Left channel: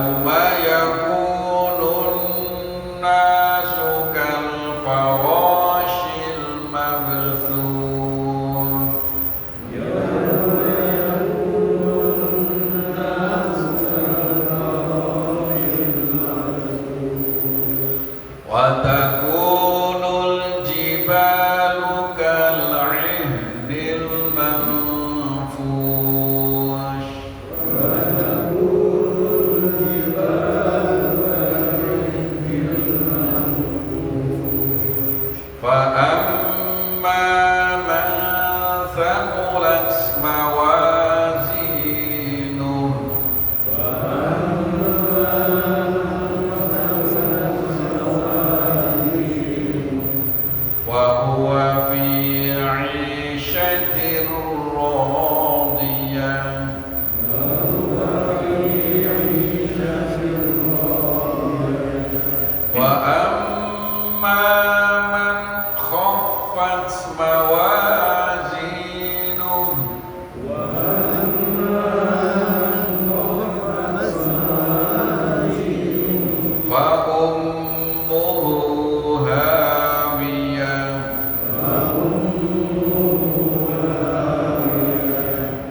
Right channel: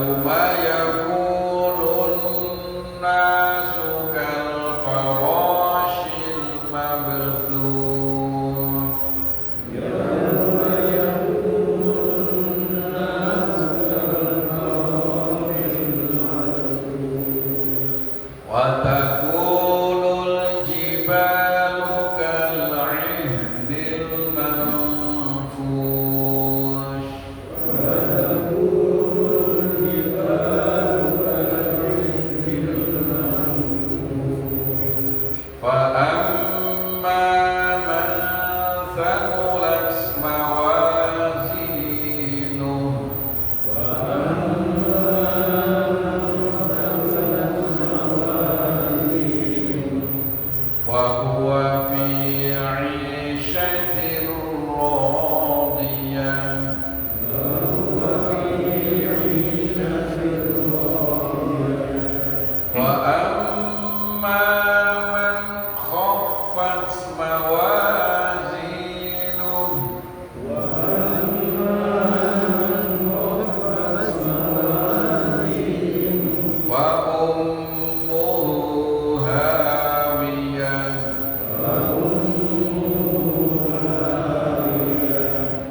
yauma yakunun nasu kal farashil mabthuth. Wa takunul jibalu kal 'ihnil manfush. Fa amma man thaqulat mawazinuhu wa huwa fi 'ishatin radiyah. Wa amma man khaffat mawazinuhu fa ummuhu hawiyah.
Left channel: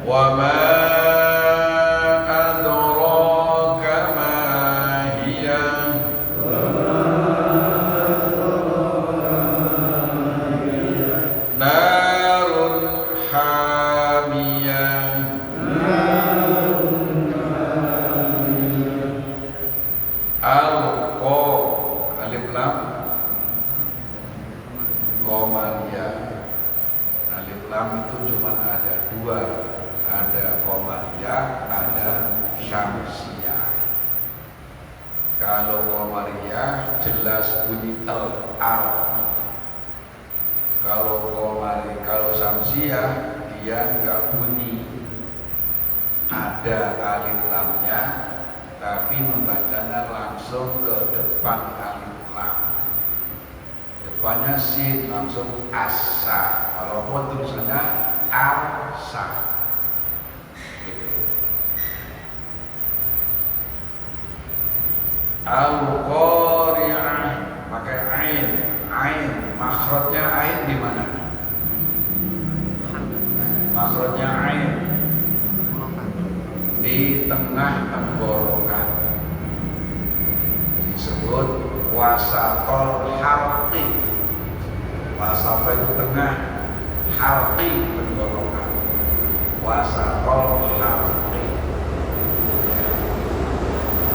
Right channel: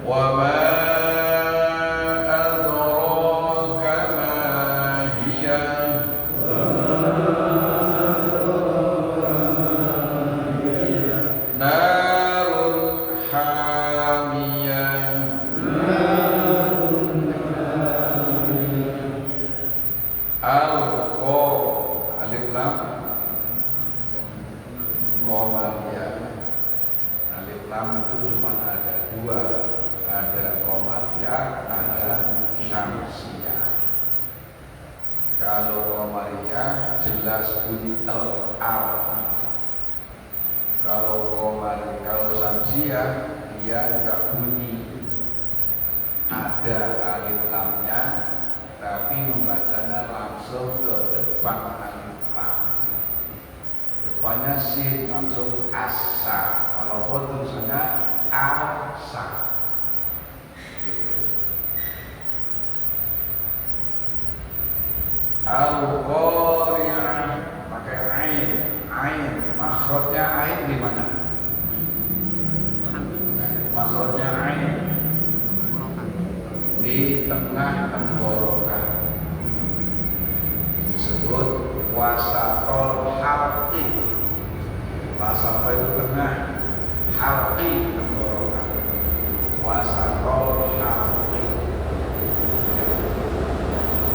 Wa ma adraka ma hiya narun hamiyah. Alqa alif lam qamariyah. Alif lam itu cuma ada dua, ada qamariyah, ada syamsiyah. Kalau qamariyah jelas bunyi al. Kalau syamsiyah dia enggak bunyi, ada alif lamnya tapi membacanya langsung ke depan alif lam. Depannya sin langsung asa. Walaupun tulisannya asa. Gitu. Al-Qari'ah pakai ain. Makhrajnya ain di mana? Makhrajnya ain di tengah tenggorokan. Disebut wasatol halqi. Wasatol itu tengah, halqi tenggorokan. Wasatol halqi.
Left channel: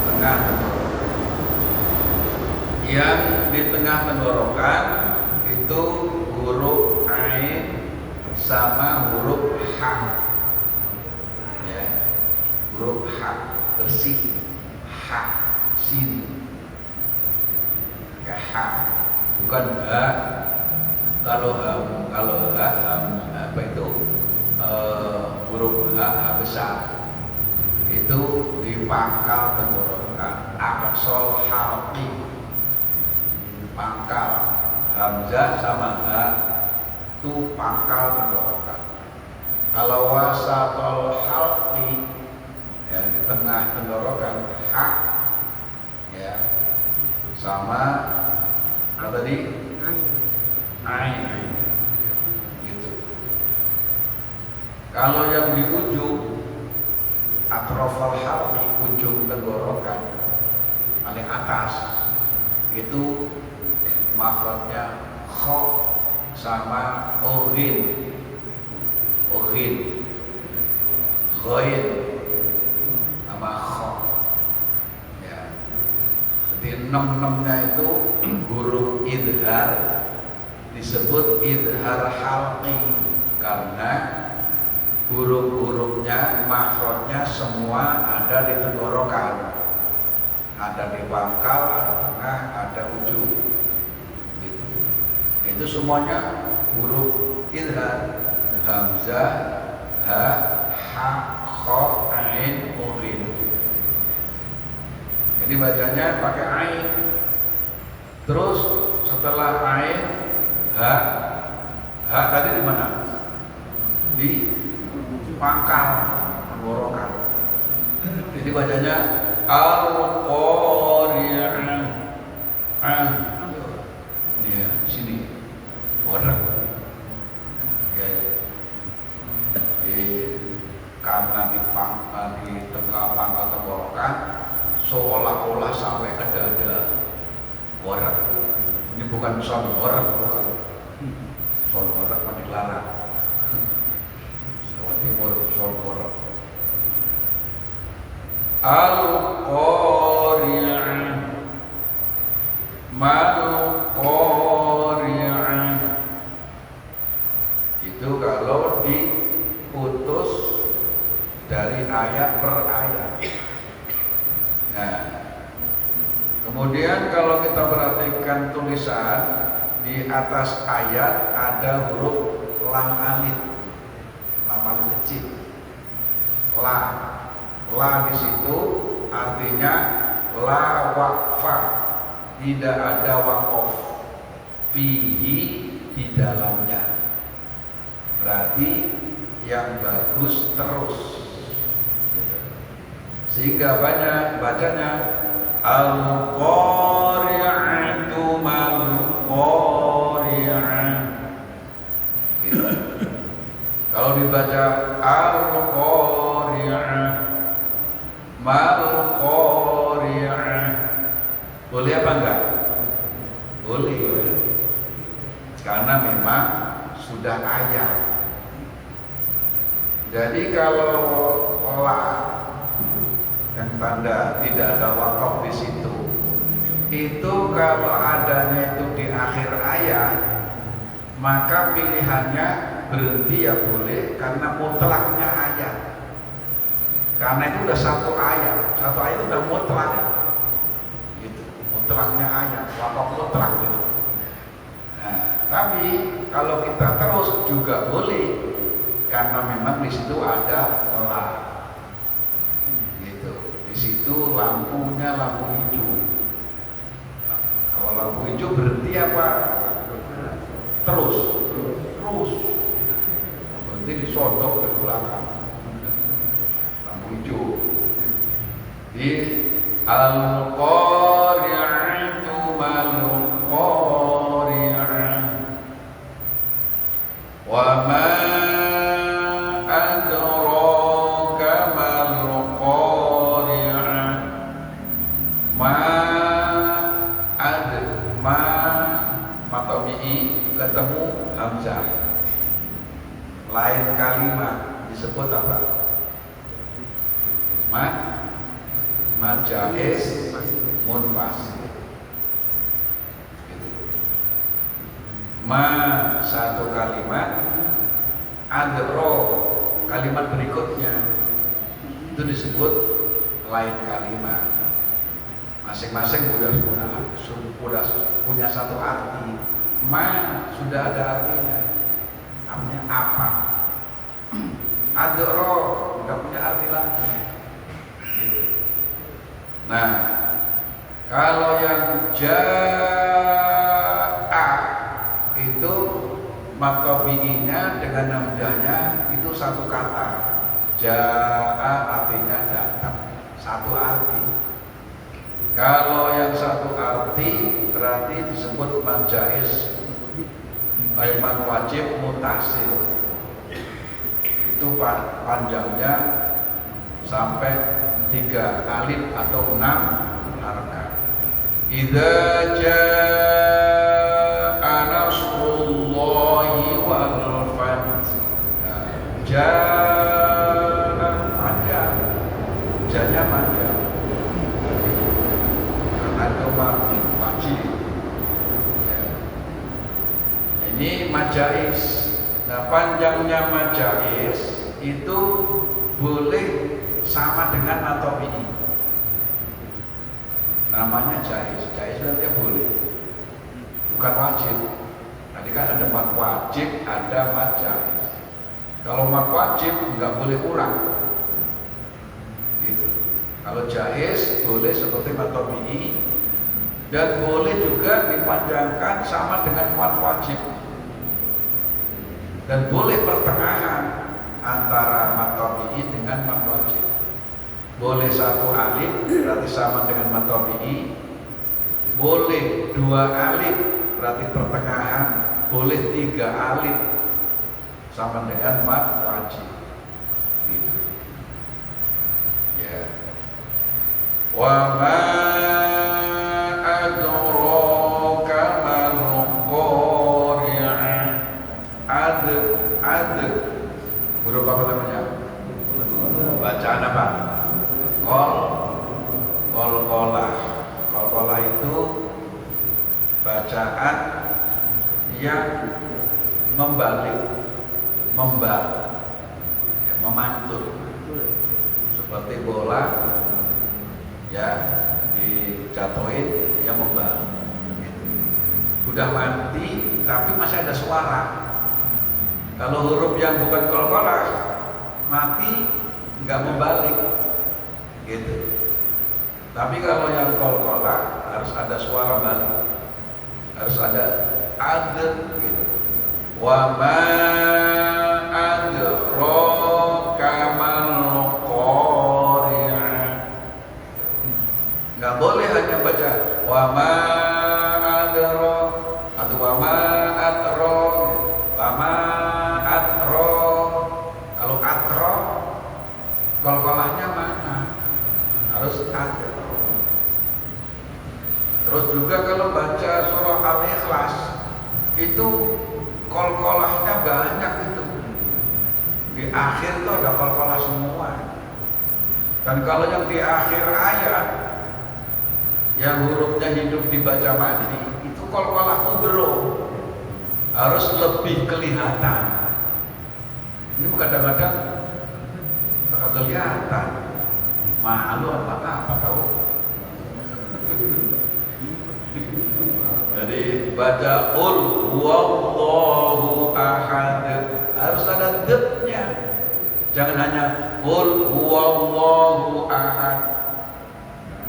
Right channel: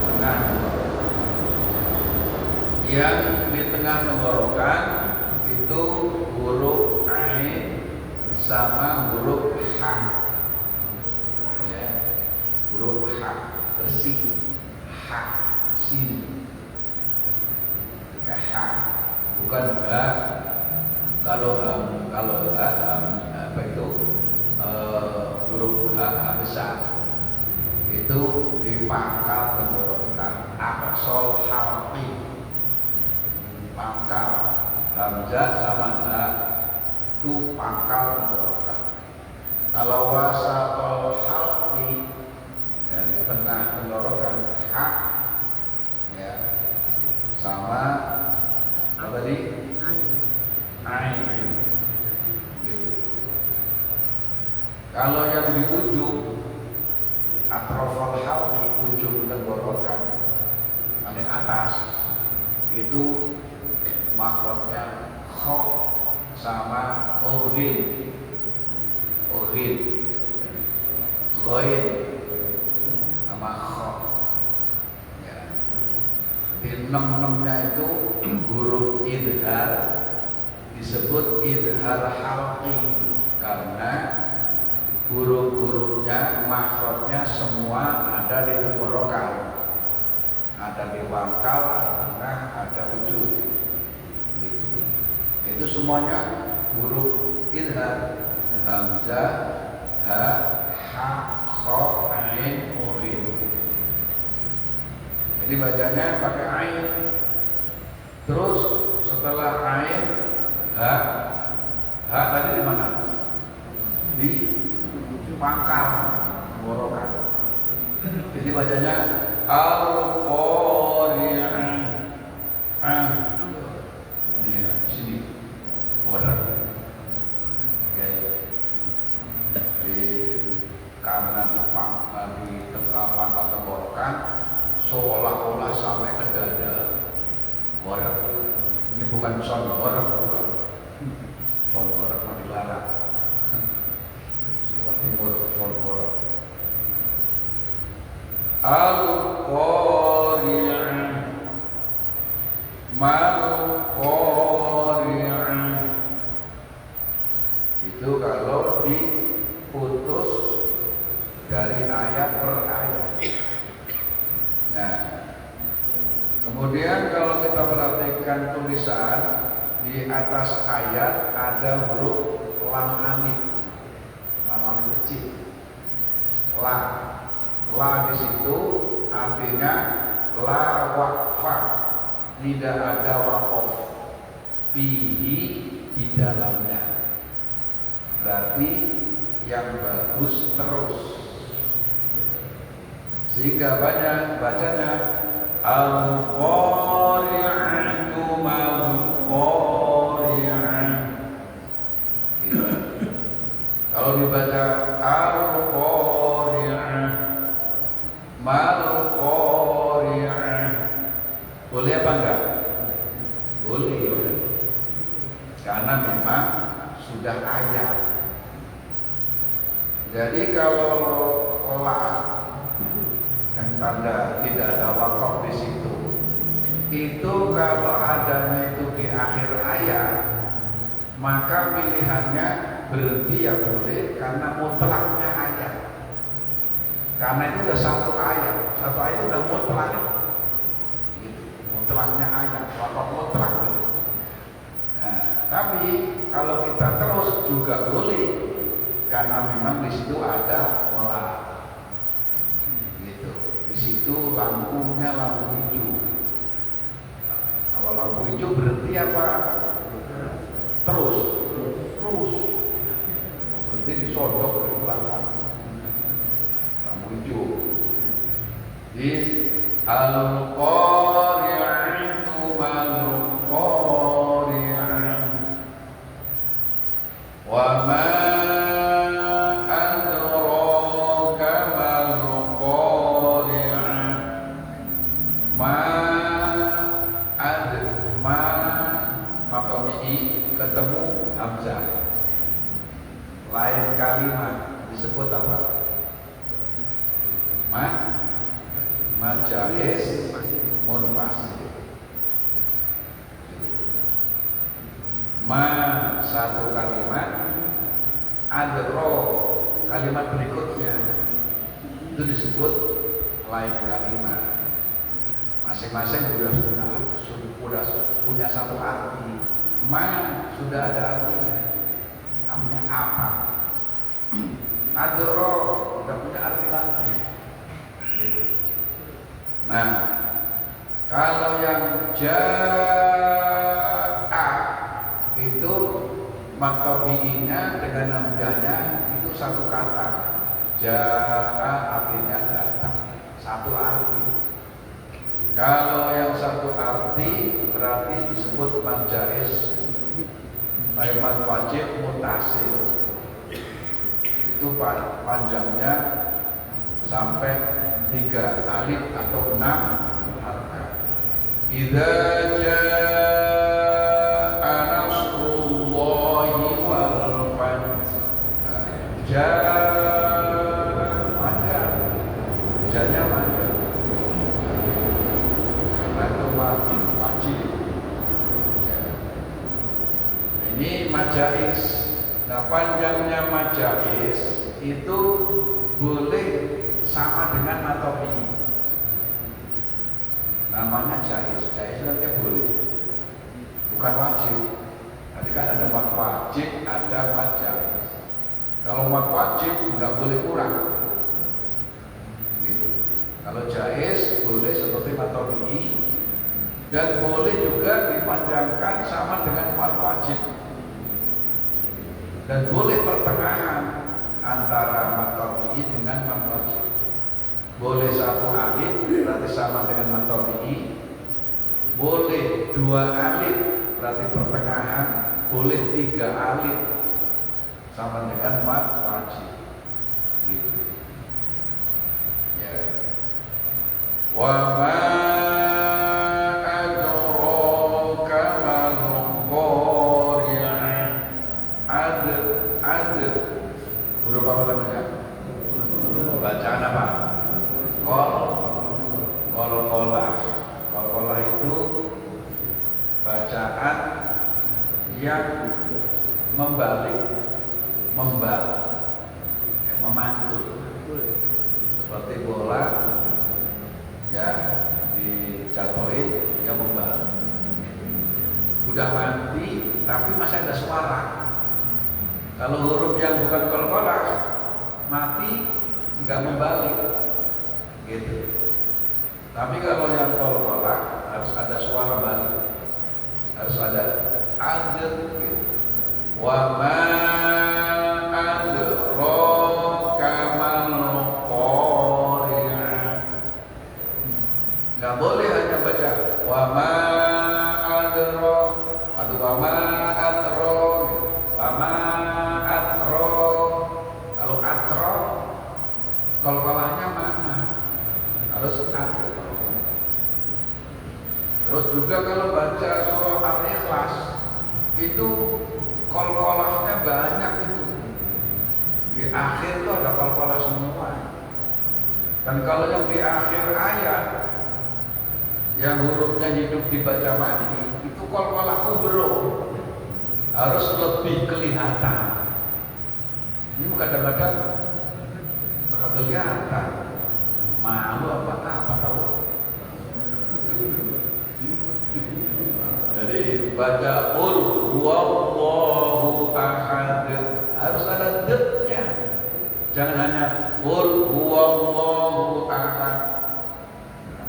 Tengah yang di tengah tenggorokan itu huruf ain sama huruf ha. Ya, huruf ha bersih, ha sin, kayak ha, bukan ha. Kalau apa itu huruf ha besar itu di pangkal tenggorokan, aqsal halqi, pangkal hamzah sama ha itu pangkal tenggorokan. Kalau wasatol halqi yang di tengah tenggorokan ha ya sama apa tadi ain gitu. Kalau yang di ujung atrofal halqi, ujung tenggorokan paling atas itu makhrajnya kha sama ghain sama kha ya. Di enam-enamnya itu huruf idhar disebut idhar halqi karena huruf-hurufnya makhrajnya semua ada di tenggorokan, ada di pangkal, ada tengah, ada ujung gitu. Itu semuanya huruf idhar, hamzah, ha, ha, kha, ain, ghain. Jadi bacanya pakai ain. Terus setelah ain ha tadi di mana? Di pangkal tenggorokan. Jadi bacanya al seolah-olah sampai ke dada. Warak. Ini bukan son warak, bukan. Son warak kan dilarang. Jawa Timur son warak. Al-Qari'ah. Mal-Qari'ah. Itu kalau diputus dari ayat per ayat. Nah, kemudian kalau kita perhatikan tulisan di atas ayat ada huruf lam alif kecil. La di situ artinya la waqfa, tidak ada waqaf fihi di dalamnya. Berarti yang bagus terus. Sehingga banyak bacanya al-qari'atu mal-qari'ah. Gitu. Kalau dibaca al-qari'ah mal-qari'ah, boleh apa enggak? Boleh. Karena memang sudah ayat. Jadi kalau yang tanda tidak ada wakaf di situ, itu kalau adanya itu di akhir ayat, maka pilihannya berhenti ya boleh, karena mutlaknya ayat. Karena itu udah satu ayat itu udah mutlak, gitu. Mutlaknya ayat, wakaf mutlak. Nah, tapi kalau kita terus juga boleh, karena memang di situ ada pola. Di situ lampunya lampu hijau. Kalau lampu hijau berhenti apa? Terus. Berhenti disodok ke belakang. Lampu hijau. Di al-qari'atu mal-qari'ah. Wa ma ketemu hamzah, lain kalimat disebut apa? Majais munfasil. Gitu. Satu kalimat, adro kalimat berikutnya itu disebut lain kalimat. Masing-masing sudah punya satu arti. Sudah ada artinya, namanya apa? Adro sudah punya arti lagi. Gitu. Nah, kalau yang ja'a itu matobi'inya dengan namanya itu satu kata. Ja'a artinya datang, satu arti. Kalau yang satu arti berarti disebut majais, man wajib mutasil. Itu panjangnya sampai 3 alif atau 6 harkat. Idza jaa nasrullahi wal fath. Jaa panjang, janya panjang. Wajib. Ini majais. Nah, panjangnya majais itu boleh sama dengan matobi. Namanya jais. Jais itu boleh, bukan wajib. Tadi kan ada mak wajib, ada majais. Kalau mak wajib nggak boleh kurang. Gitu. Kalau jais boleh seperti matobi. Dan boleh juga dipanjangkan sama dengan mat wajib. Dan boleh pertengahan antara mat tabi'i dengan mat wajib. Boleh satu alif berarti sama dengan mat tabi'i. Boleh 2 alif berarti pertengahan. Boleh 3 alif sama dengan mat wajib. Gitu. Ya. Wa ma adraka mal qari'ah. Ad huruf apa namanya? Bacaan apa? Qalqalah. Qalqalah itu bacaan yang membalik, memantul seperti bola ya dijatuhin ya membalik. Sudah mati tapi masih ada suara. Kalau huruf yang bukan qalqalah mati nggak membalik gitu. Tapi kalau yang qalqalah harus ada suara balik, harus ada adr gitu. Wa ma adraka mal qari'ah. Nggak boleh hanya baca wa ma adra atau wa ma atro, wa ma atro. Kalau atro qalqalahnya mana? Harus adr. Terus juga kalau baca surah Al-Ikhlas itu qalqalahnya banyak itu. Di akhir itu ada qalqalah semua. Dan kalau yang di akhir ayat yang hurufnya hidup dibaca mati itu qalqalah kubro, harus lebih kelihatan. Ini kadang-kadang kelihatan malu apa tahu. Jadi baca qul huwallahu ahad harus ada d-nya. Jangan hanya qul huwallahu ahad.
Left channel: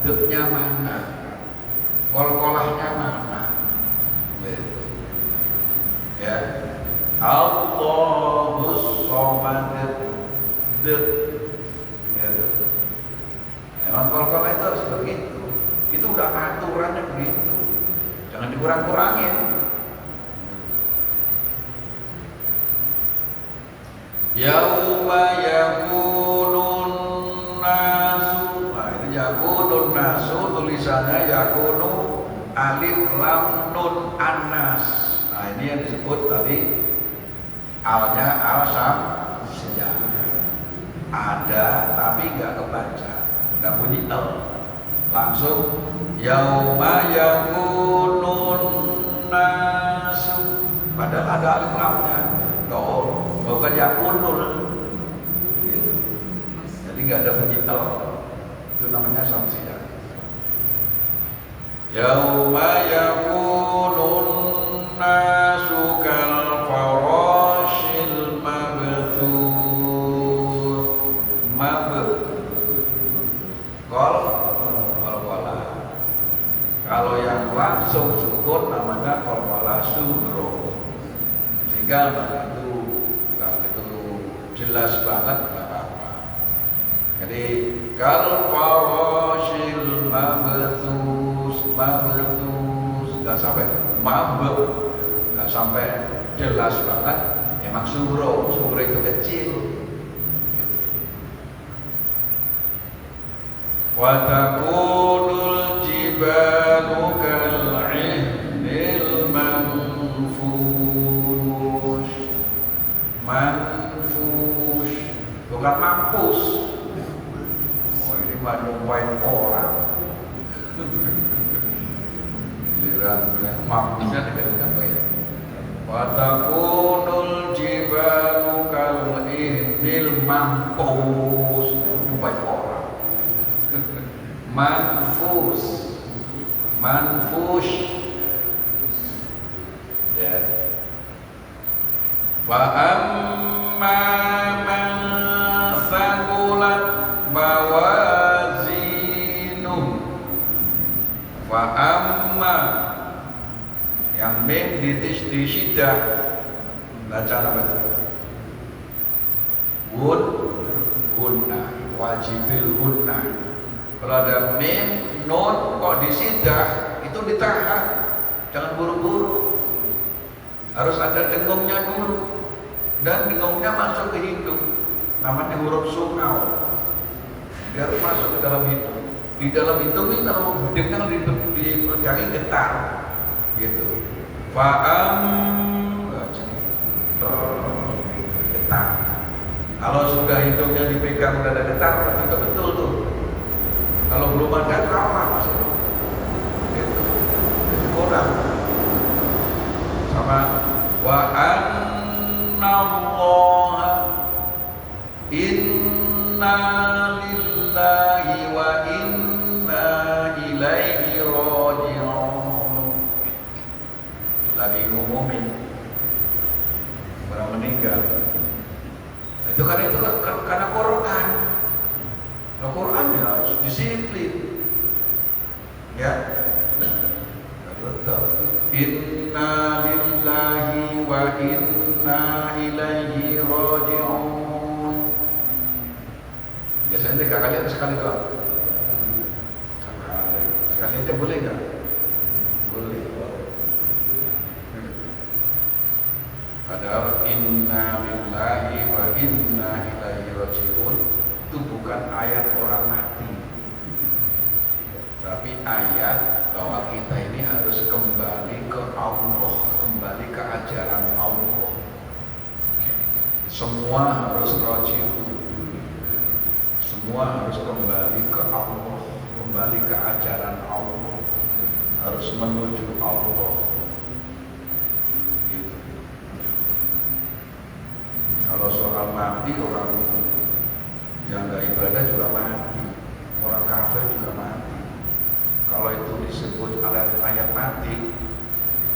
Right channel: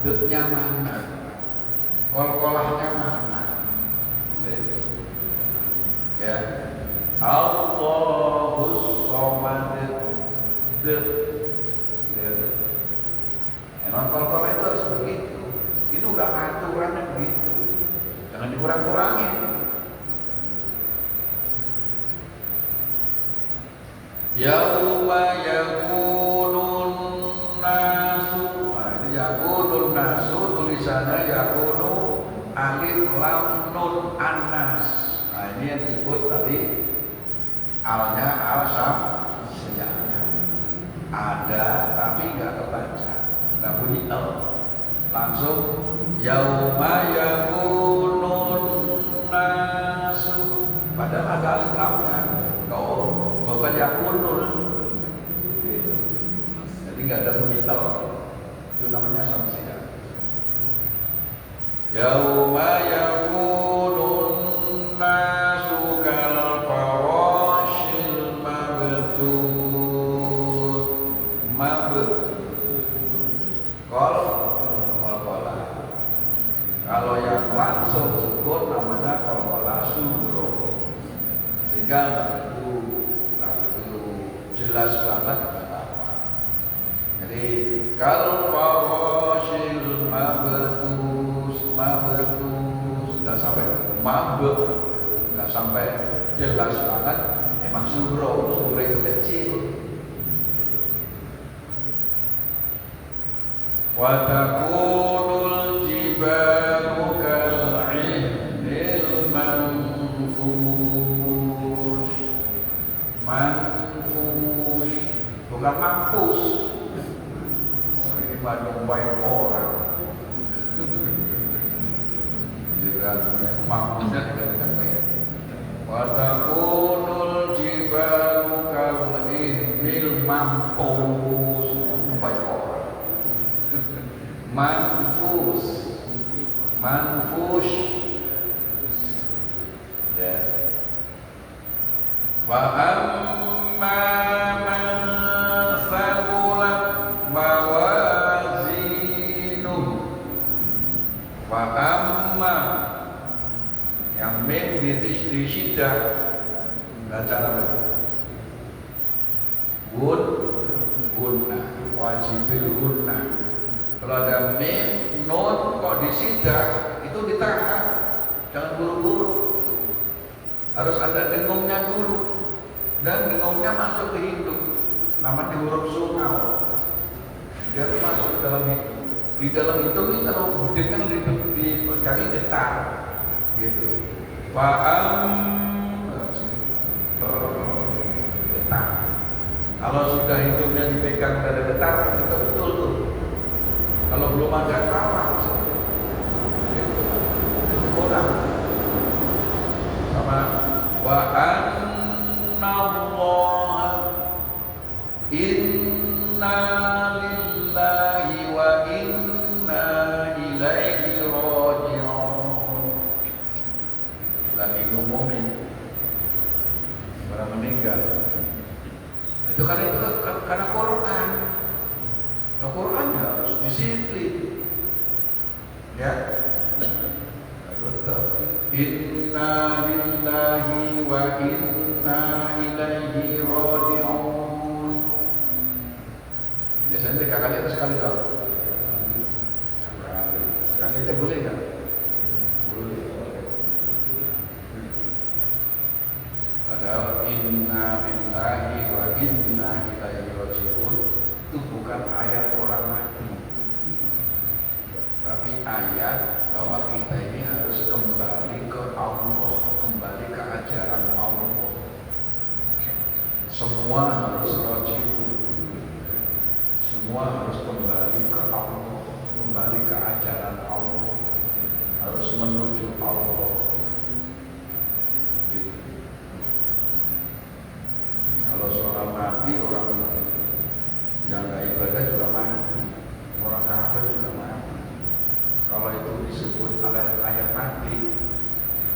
D-nya mana? Qalqalahnya mana? Ya. Allahus samad. D. Memang qalqalah itu harus begitu. Itu udah aturannya begitu. Jangan dikurang-kurangin. Yauma yakunun nasu. Nah, ini yakunun nasu tulisannya yakunu alif lam nun anas. Nah, ini yang disebut tadi alnya al samsiyah. Ada tapi enggak kebaca, enggak bunyi al. Langsung yauma yakunun nasu. Padahal ada alif lamnya. Bukan yakunun. Jadi nggak ada bunyi al. Itu namanya samsiyah. Yauma yakunun nasu kal farashil mabthur. Kalau yang langsung sukun namanya qalqalah sugro. Sehingga itu jelas banget nggak apa-apa. Jadi kal farashil mabthus nggak sampai mabuk, nggak sampai jelas banget. Emang sugro itu kecil. Wa takunul jibalu kal'ihnil manfush. Bukan mampus. Oh, ini mah nyumpain orang. Mampusnya dikatakan baik. Wa takunul jibalu kal'ihnil manfush. Nyumpain orang. Manfush. Ya. Wa amma man thaqulat mawazinuh. Wa amma yang mim di syiddah baca apa itu? Gunna, wajibil gunna. Kalau ada mim, nun kok di syiddah itu ditahan, jangan buru-buru. Harus ada dengungnya dulu. Dan dengungnya masuk ke hidung. Namanya huruf sungau. Dia masuk ke dalam hidung. Di dalam itu kalau dengan dipegangi getar, gitu. Getar. Kalau sudah hidungnya dipegang ada getar, itu betul tuh. Kalau belum ada tawar, itu kurang. Sama wa anna Allah inna lillahi wa inna ilaihi raji'un. Lagi ngumumin orang meninggal. Itu karena Quran. Al-Quran ya harus disiplin. Ya. Inna lillahi wa inna ilaihi raji'un. Biasanya 3 kali atau sekali Pak? Sekali aja boleh nggak? Boleh. Padahal inna lillahi wa inna ilaihi raji'un itu bukan ayat orang mati, tapi ayat bahwa kita ini harus kembali ke Allah, kembali ke ajaran Allah. Semua harus raji'un, semua harus kembali ke Allah, kembali ke ajaran Allah, harus menuju Allah. Gitu. Kalau soal mati, orang yang tidak ibadah juga mati, orang kafir juga mati. Kalau itu disebut ayat mati,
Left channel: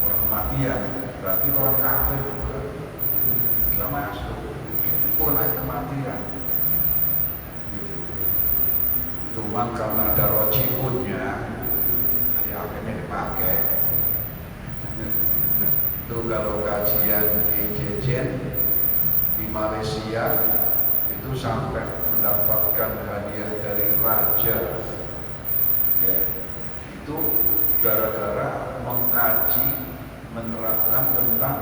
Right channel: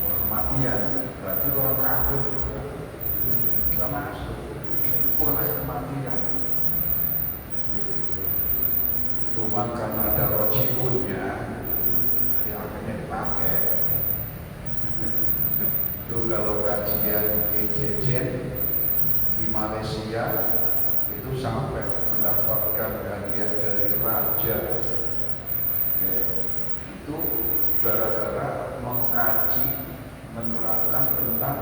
orang kematian, berarti orang kafir juga tidak masuk. Itu ayat kematian. Cuma karena ada rojiunnya, jadi akhirnya dipakai. Itu kalau kajian Jejen di Malaysia itu sampai mendapatkan hadiah dari raja, ya, itu gara-gara mengkaji, menerapkan tentang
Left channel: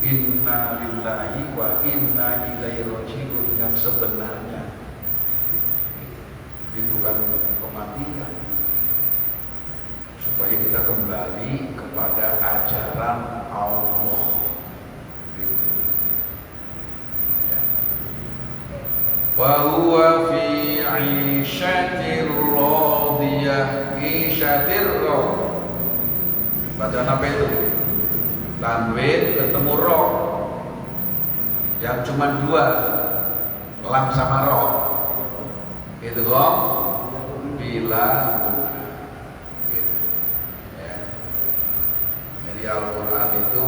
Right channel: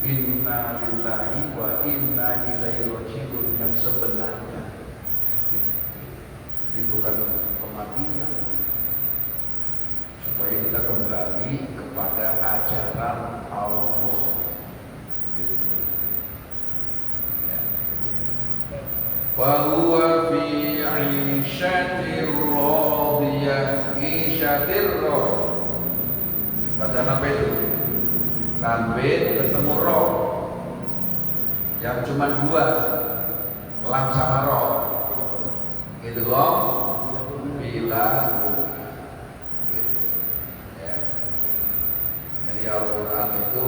inna lillahi wa inna ilaihi raji'un yang sebenarnya. Ini bukan kematian, supaya kita kembali kepada ajaran Allah. Wahuwa fi 'ishatir radiyah. Ishatir radiyah. Bacaan apa itu? Tanwin ketemu ro, yang cuma 2, lam sama ro. Itu loh, bila gitu. Ya. Jadi Al-Quran itu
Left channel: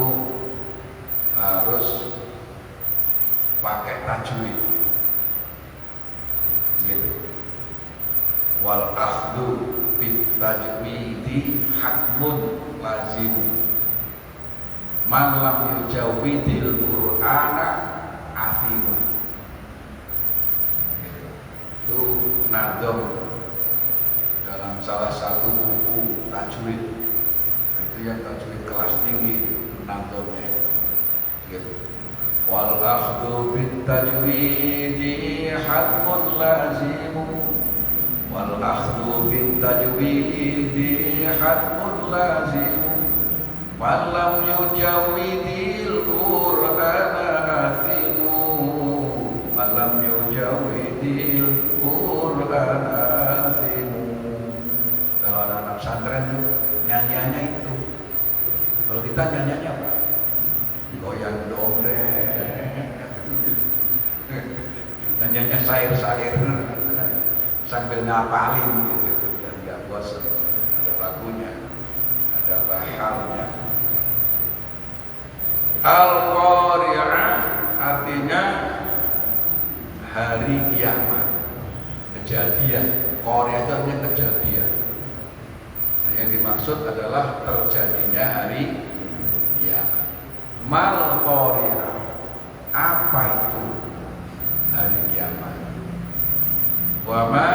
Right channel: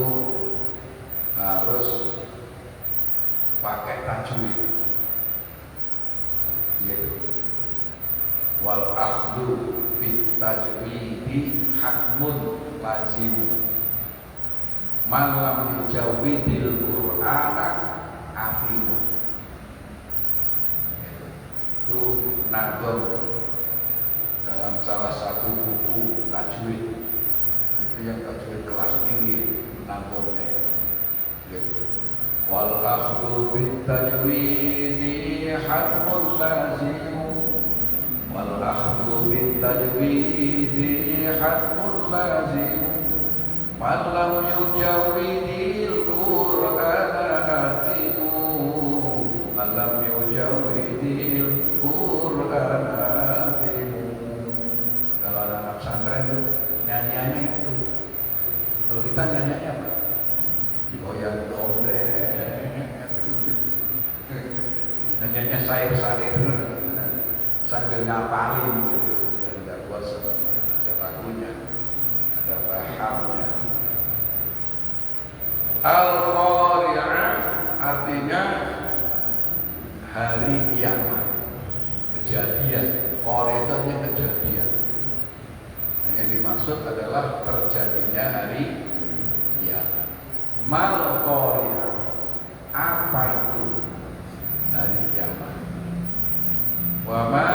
harus pakai tajwid. Gitu. Wal akhdhu bit tajwidi hakmun lazim. Man lam yujawwidil Qur'ana athimu. Itu nadom dalam salah satu buku tajwid. Itu yang tajwid kelas tinggi nadomnya. Gitu. Wal akhdhu bit tajwidi hakmun lazim. Wal akhdhu bit tajwidi hakmun lazim. Man lam yujawwidil Qur'ana athimu. Man lam yujawwidil Qur'ana athimu. Kalau anak pesantren itu nyanyiannya itu. Kalau kita nyanyiannya apa? Goyang dongeng. Nyanyiannya syair-syair sambil ngapalin gitu. Biar enggak puas. Ada lagunya, ada bahamnya. Al-Qari'ah artinya hari kiamat, kejadian. Qari'ah itu artinya kejadian. Nah, yang dimaksud adalah terjadinya hari kiamat. Mal Qari'ah, apa itu hari kiamat? Wa ma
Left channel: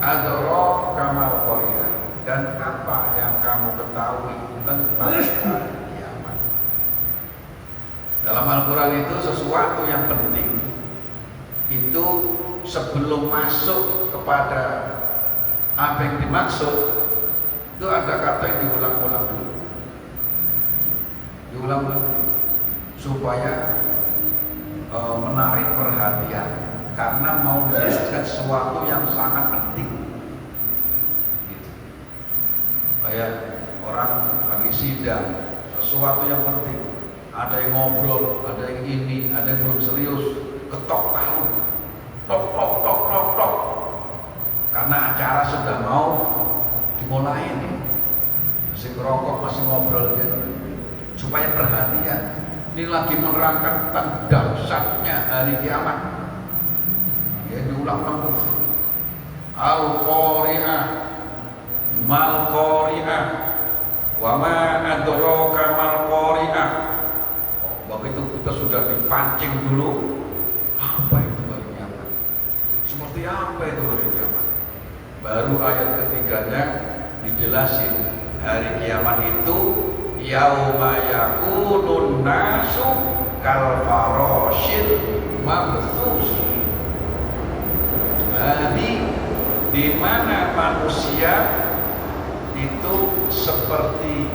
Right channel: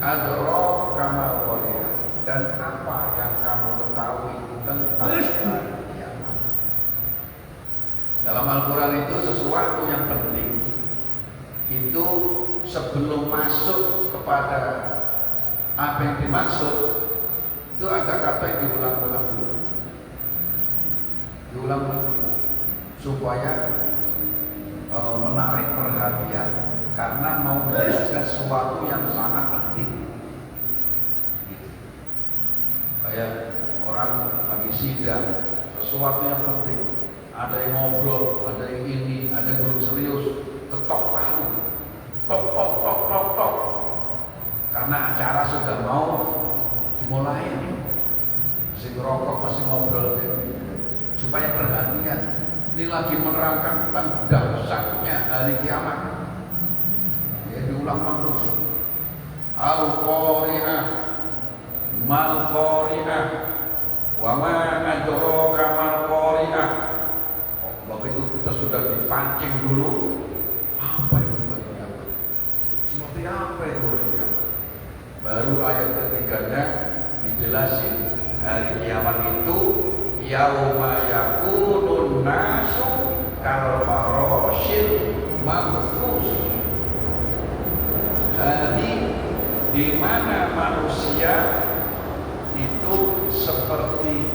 adraka mal Qari'ah, dan apa yang kamu ketahui tentang hari kiamat? Dalam Al-Quran itu sesuatu yang penting itu sebelum masuk kepada Apa yang dimaksud itu ada kata yang diulang-ulang dulu, supaya menarik perhatian karena mau menjelaskan sesuatu yang sangat penting. Gitu. Kayak orang lagi sidang, sesuatu yang penting, ada yang ngobrol, ada yang ini, ada yang belum serius, ketok palu, tok tok tok tok tok, karena acara sudah mau dimulai nih, masih merokok, masih ngobrol gitu. Supaya perhatian, ini lagi menerangkan tentang dahsyatnya hari kiamat. Ya diulang-ulang terus. Al-Qari'ah, Mal-Qari'ah, wa ma adraka mal-Qari'ah. Begitu kita sudah dipancing dulu, apa itu hari kiamat? Seperti apa itu hari kiamat? Baru ayat ketiganya dijelasin, hari kiamat itu yauma yakunun nasu kal farashil mabthus. Jadi di mana manusia itu seperti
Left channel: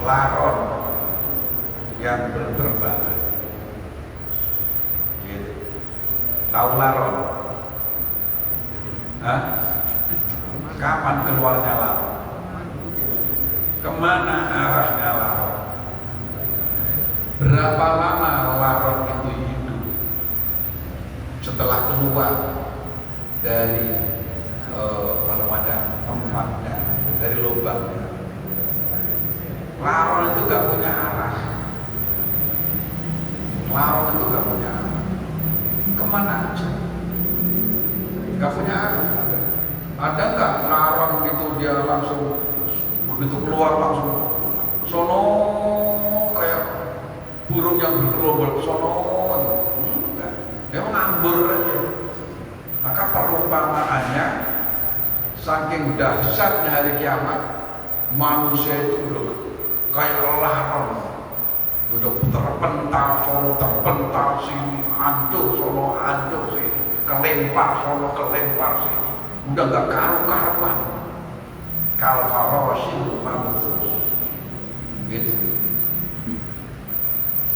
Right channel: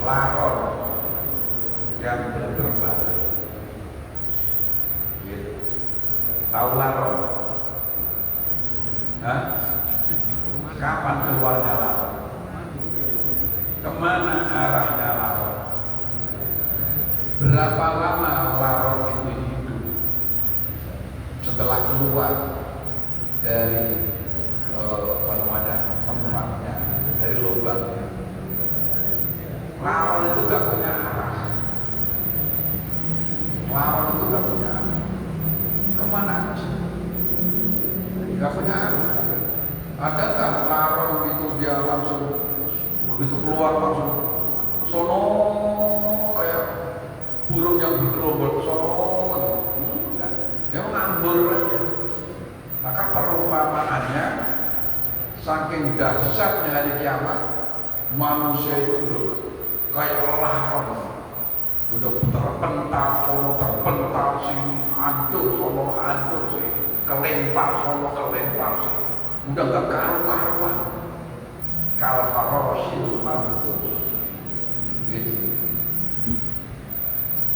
laron yang berterbangan. Gitu. Tahu laron? Hah? Kapan keluarnya laron? Kemana arahnya laron? Berapa lama laron itu hidup setelah keluar dari tempatnya, dari lubangnya? Laron itu gak punya arah. Laron itu gak punya arah. Kemana aja? Gak punya arah. Ada gak laron itu dia langsung begitu keluar langsung sono kayak burung yang bergelombol sono? Enggak. Dia mengambur aja. Maka perumpamaannya saking dahsyatnya hari kiamat, manusia itu belum kayak laron, udah terpental sono, terpental sini, hancur sono, hancur sini, kelempar sono, kelempar sini, udah gak karu-karuan. Kal farashil mabthus. Gitu.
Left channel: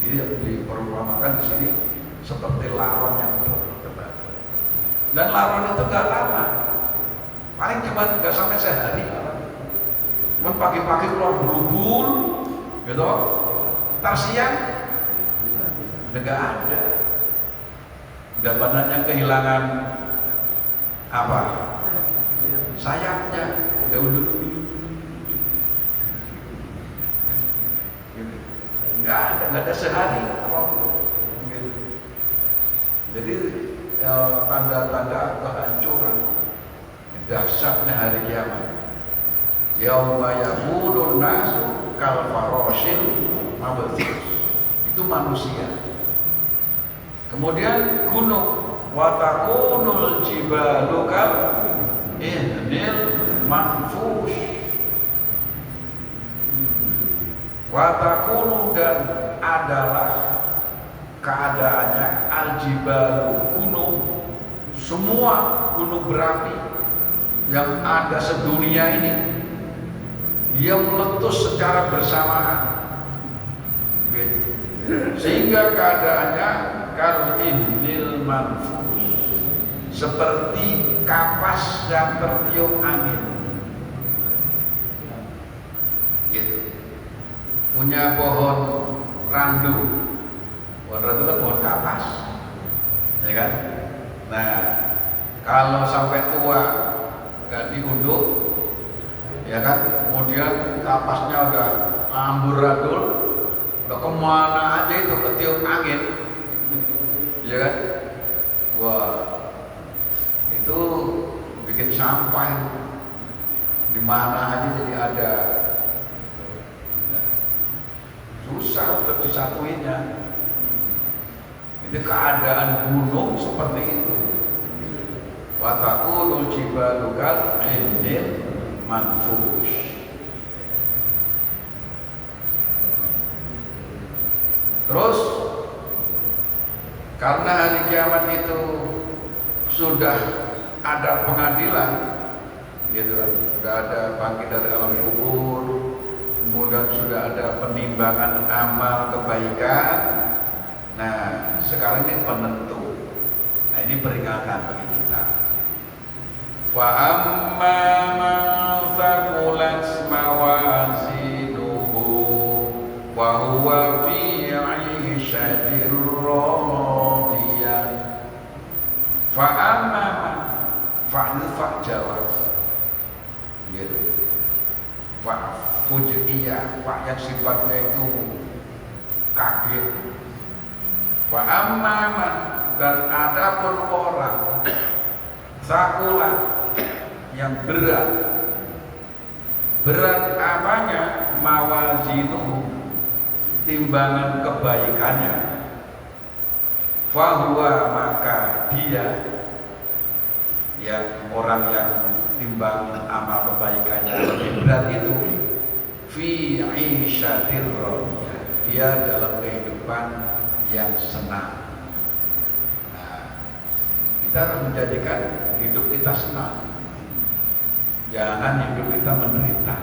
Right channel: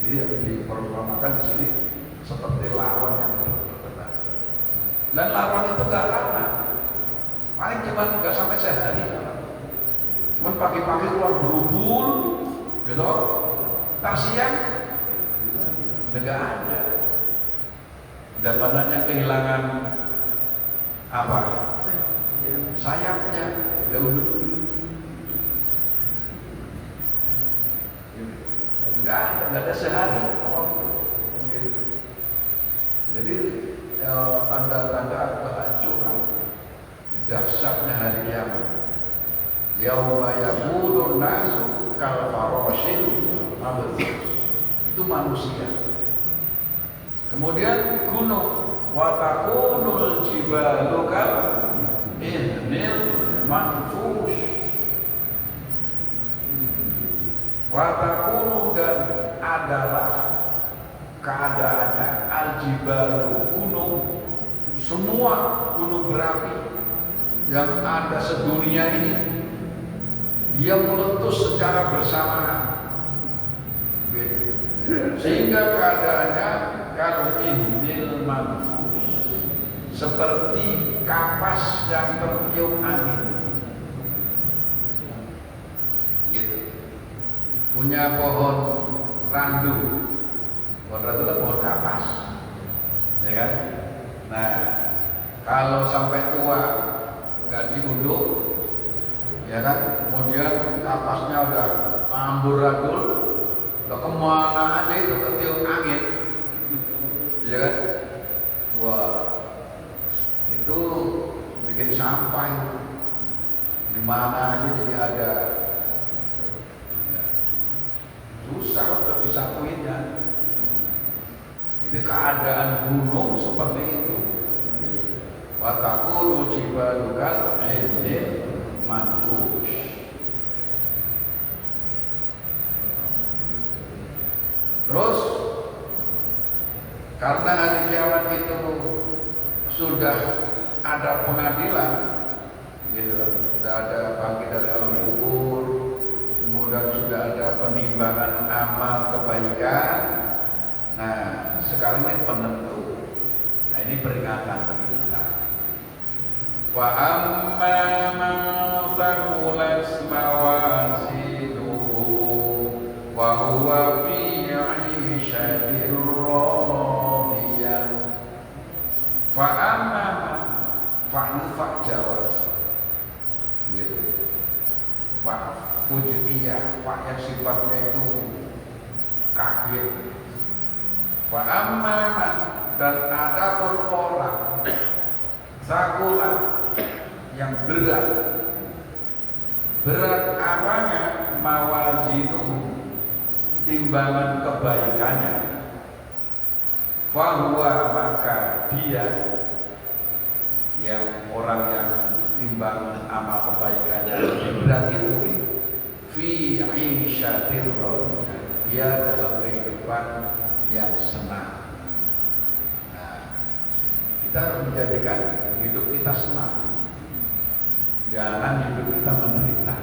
Jadi diperumpamakan di sini seperti laron yang berterbang. Dan laron itu gak lama, paling cuma gak sampai sehari. Cuman pagi-pagi keluar berubur, gitu. Ntar siang, udah gak ada. Udah badannya kehilangan apa? Sayapnya. Enggak ada sehari. Jadi tanda-tanda kehancuran, dahsyatnya hari kiamat. Yauma yakunun nasu kal farashil mabthus. Itu manusia. Kemudian gunung, wa takunul jibalu kal ihnil manfush. Watakunu, dan adalah keadaannya aljibalu, gunung, semua gunung berapi yang ada sedunia ini, dia meletus secara bersamaan, sehingga keadaannya kal ihnil manfush, seperti kapas yang bertiup angin. Gitu. Punya pohon randu. Pohon randu kan pohon kapas, ya kan? Nah, kalau sampai tua nggak diunduk, ya kan? Kemudian kapasnya udah amburadul, udah kemana aja itu ketiup angin, ya kan? Wah, itu bikin sampah di mana aja jadi ada. Susah untuk disatuinnya. Itu keadaan gunung seperti itu. Watakunu jibalu kal ihnil manfush. Terus karena hari kiamat itu sudah ada pengadilan, gitu kan. Sudah ada bangkit dari alam kubur, kemudian sudah ada penimbangan amal kebaikan. Nah, sekarang ini penentu. Nah, ini peringatan bagi kita. Wa amma man thaqulat mawazinuhu wa huwa fi 'ishatir radiyah. Fa amma man fa'al jawab. Gitu. Fa fujiiyah, fa yang sifatnya itu kafir. Fa amma man, dan adapun orang sakulat yang berat apanya, mawazinu, timbangan kebaikannya, fahuwa, maka dia yang orang yang timbang amal kebaikannya lebih berat itu, fi 'ishatir radiyah, dia dalam kehidupan yang senang. Kita harus menjadikan hidup kita senang, jangan hidup kita menderita.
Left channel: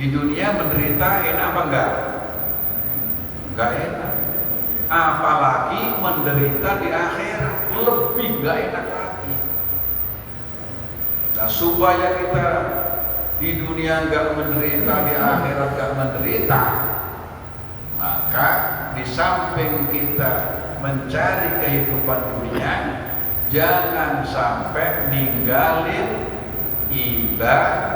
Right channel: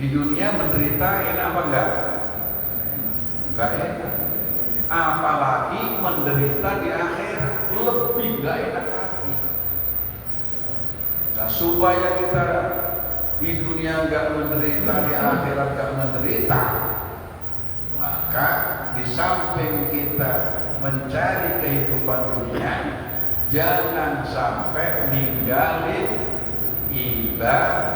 Di dunia menderita enak apa enggak? Enggak enak. Apalagi menderita di akhirat, lebih enggak enak lagi. Nah, supaya kita di dunia enggak menderita, di akhirat enggak menderita, maka di samping kita mencari kehidupan dunia, jangan sampai ninggalin ibadah.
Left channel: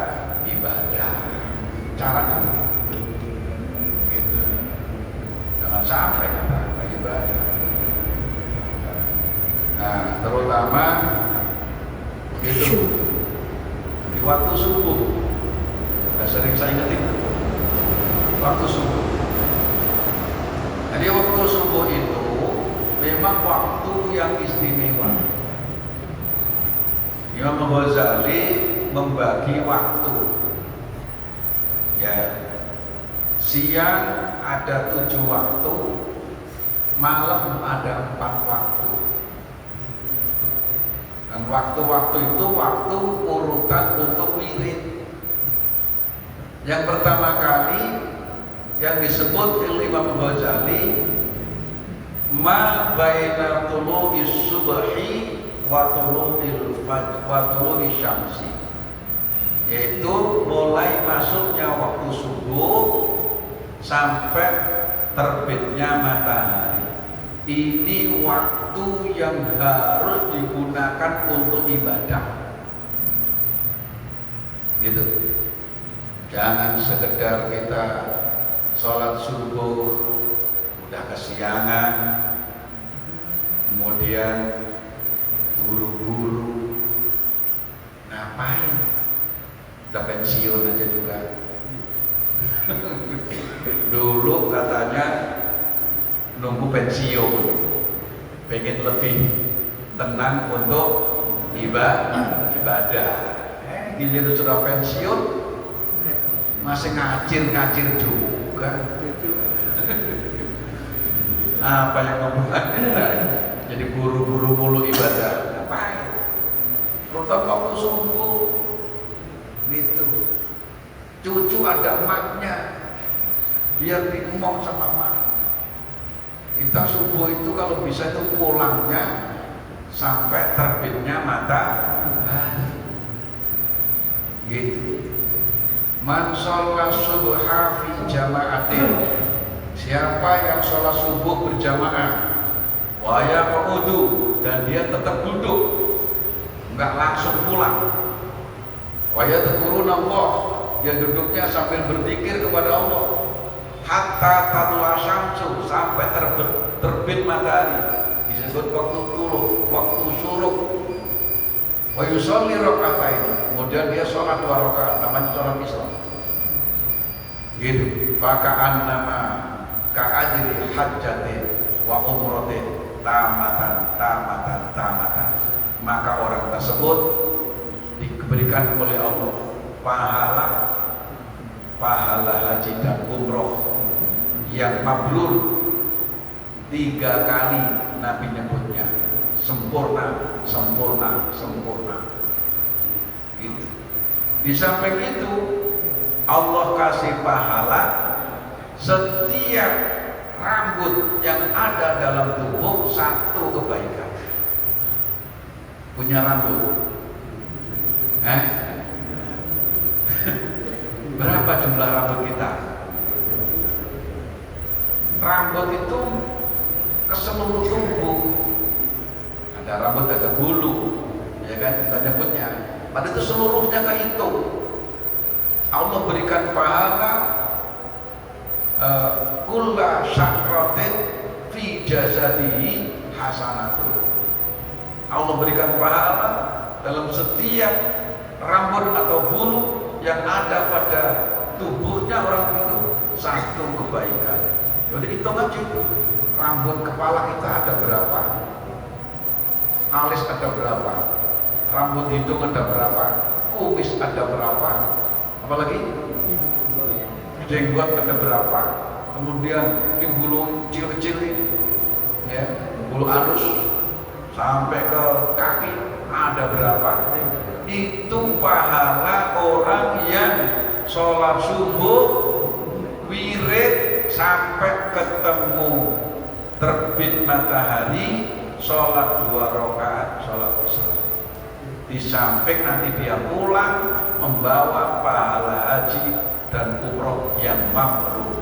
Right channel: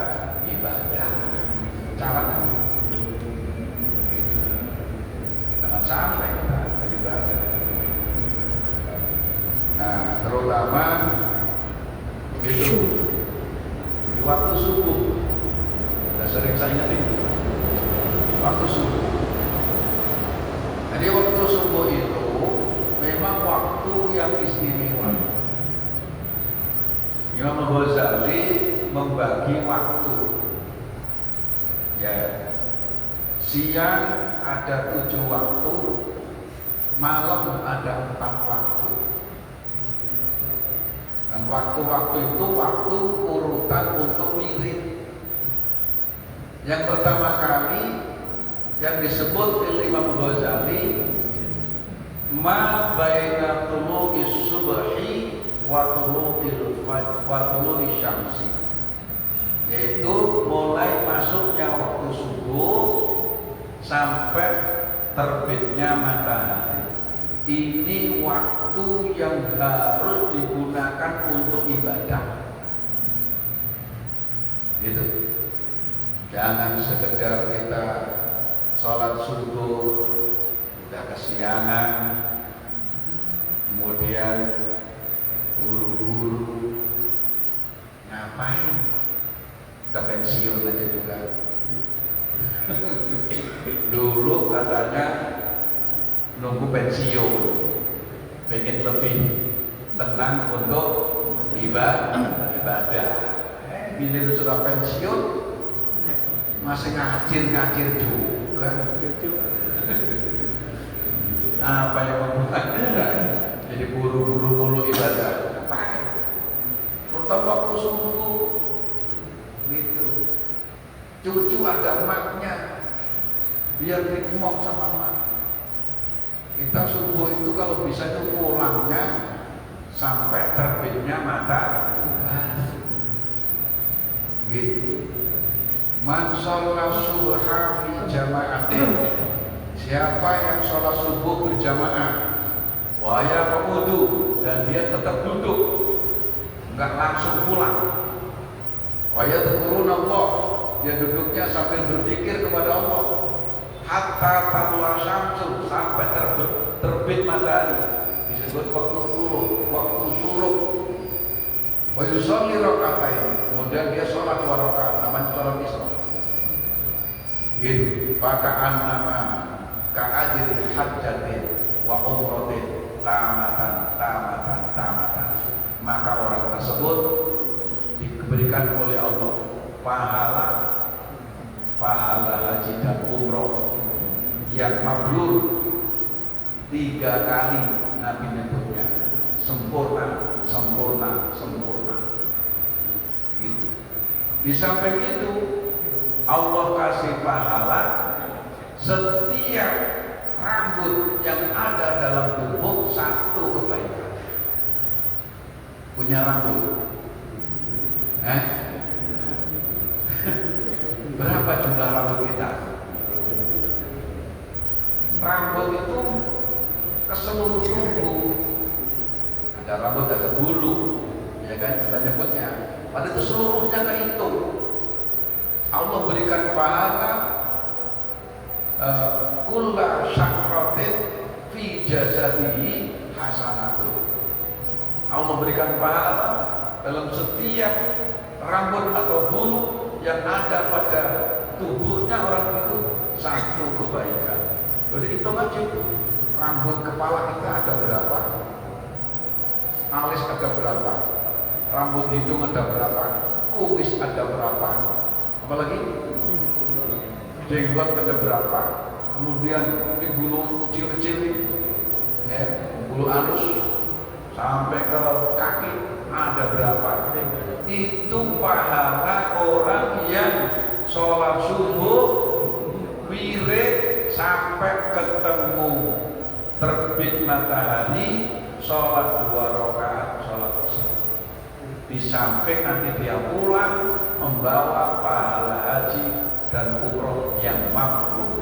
Caranya gitu. Jangan sampai kita ibadah. Nah, terutama begitu di waktu subuh. Sudah sering saya ingetin waktu subuh. Jadi waktu subuh itu memang waktu yang istimewa. Imam Ghazali membagi waktu. Ya, siang ada 7 waktu, malam ada 4 waktu. Dan waktu-waktu itu waktu urutan untuk wirid. Yang pertama kali yang disebut oleh Imam Ghazali, ma baina tulu'is subhi wa tulu'il fajr wa tulu'is syamsi, yaitu mulai masuknya waktu subuh sampai terbitnya matahari. Ini waktu yang harus digunakan untuk ibadah. Gitu. Jangan sekedar kita sholat subuh udah kesiangan, kemudian buru-buru, ngapain? Udah pensiun aja juga. Dulu katanya nunggu pensiun, pengen lebih tenang untuk ibadah. Gini sudah pensiun, masih ngacir juga. Apa yang membuat kita jadi buru-buru mulu ibadah? Ngapain? Terutama waktu subuh gitu. Cucu ada emaknya, biar diemong sama emak. Kita subuh itu kalau bisa itu pulangnya sampai terbitnya matahari. Gitu. Man sholat subha fi jama'atin, siapa yang sholat subuh berjamaah, wa yaqudu, dan dia tetap duduk, enggak langsung pulang, wa yadhkuruna Allah, dia duduknya sambil berzikir kepada Allah, hatta tatlu'a syamsu, sampai terbit matahari, disebut waktu tuluh, waktu syuruk. Wa yusolli raka'atain, kemudian dia sholat 2 rakaat, namanya sholat Islam. Gitu. Faka'an nama ka'ajri hajjatin wa umratin tamatan. Maka orang tersebut diberikan oleh Allah pahala haji dan umroh yang mabrur 3 kali. Nabi nyebutnya sempurna. Gitu. Di samping itu Allah kasih pahala setiap rambut yang ada dalam tubuh satu kebaikan. Punya rambut? Berapa jumlah rambut kita? Rambut itu ke seluruh tubuh. Ada rambut, ada bulu, ya kan? Kita nyebutnya. Padahal itu seluruhnya ke itu. Allah berikan pahala kulla syahratin fi jasadihi hasanatun. Allah berikan pahala dalam setiap rambut atau bulu yang ada pada tubuhnya orang itu satu kebaikan. Jadi hitung aja tuh, rambut kepala kita ada berapa, alis ada berapa, rambut hidung ada berapa, kumis ada berapa, apalagi jenggot ada berapa, kemudian ini bulu kecil-kecil ya, bulu halus sampai ke kaki ada berapa. Itu pahala orang yang sholat subuh wirid sampai ketemu terbit matahari, sholat 2 rakaat sholat isya. Di samping nanti dia pulang membawa pahala haji dan umroh yang mampu.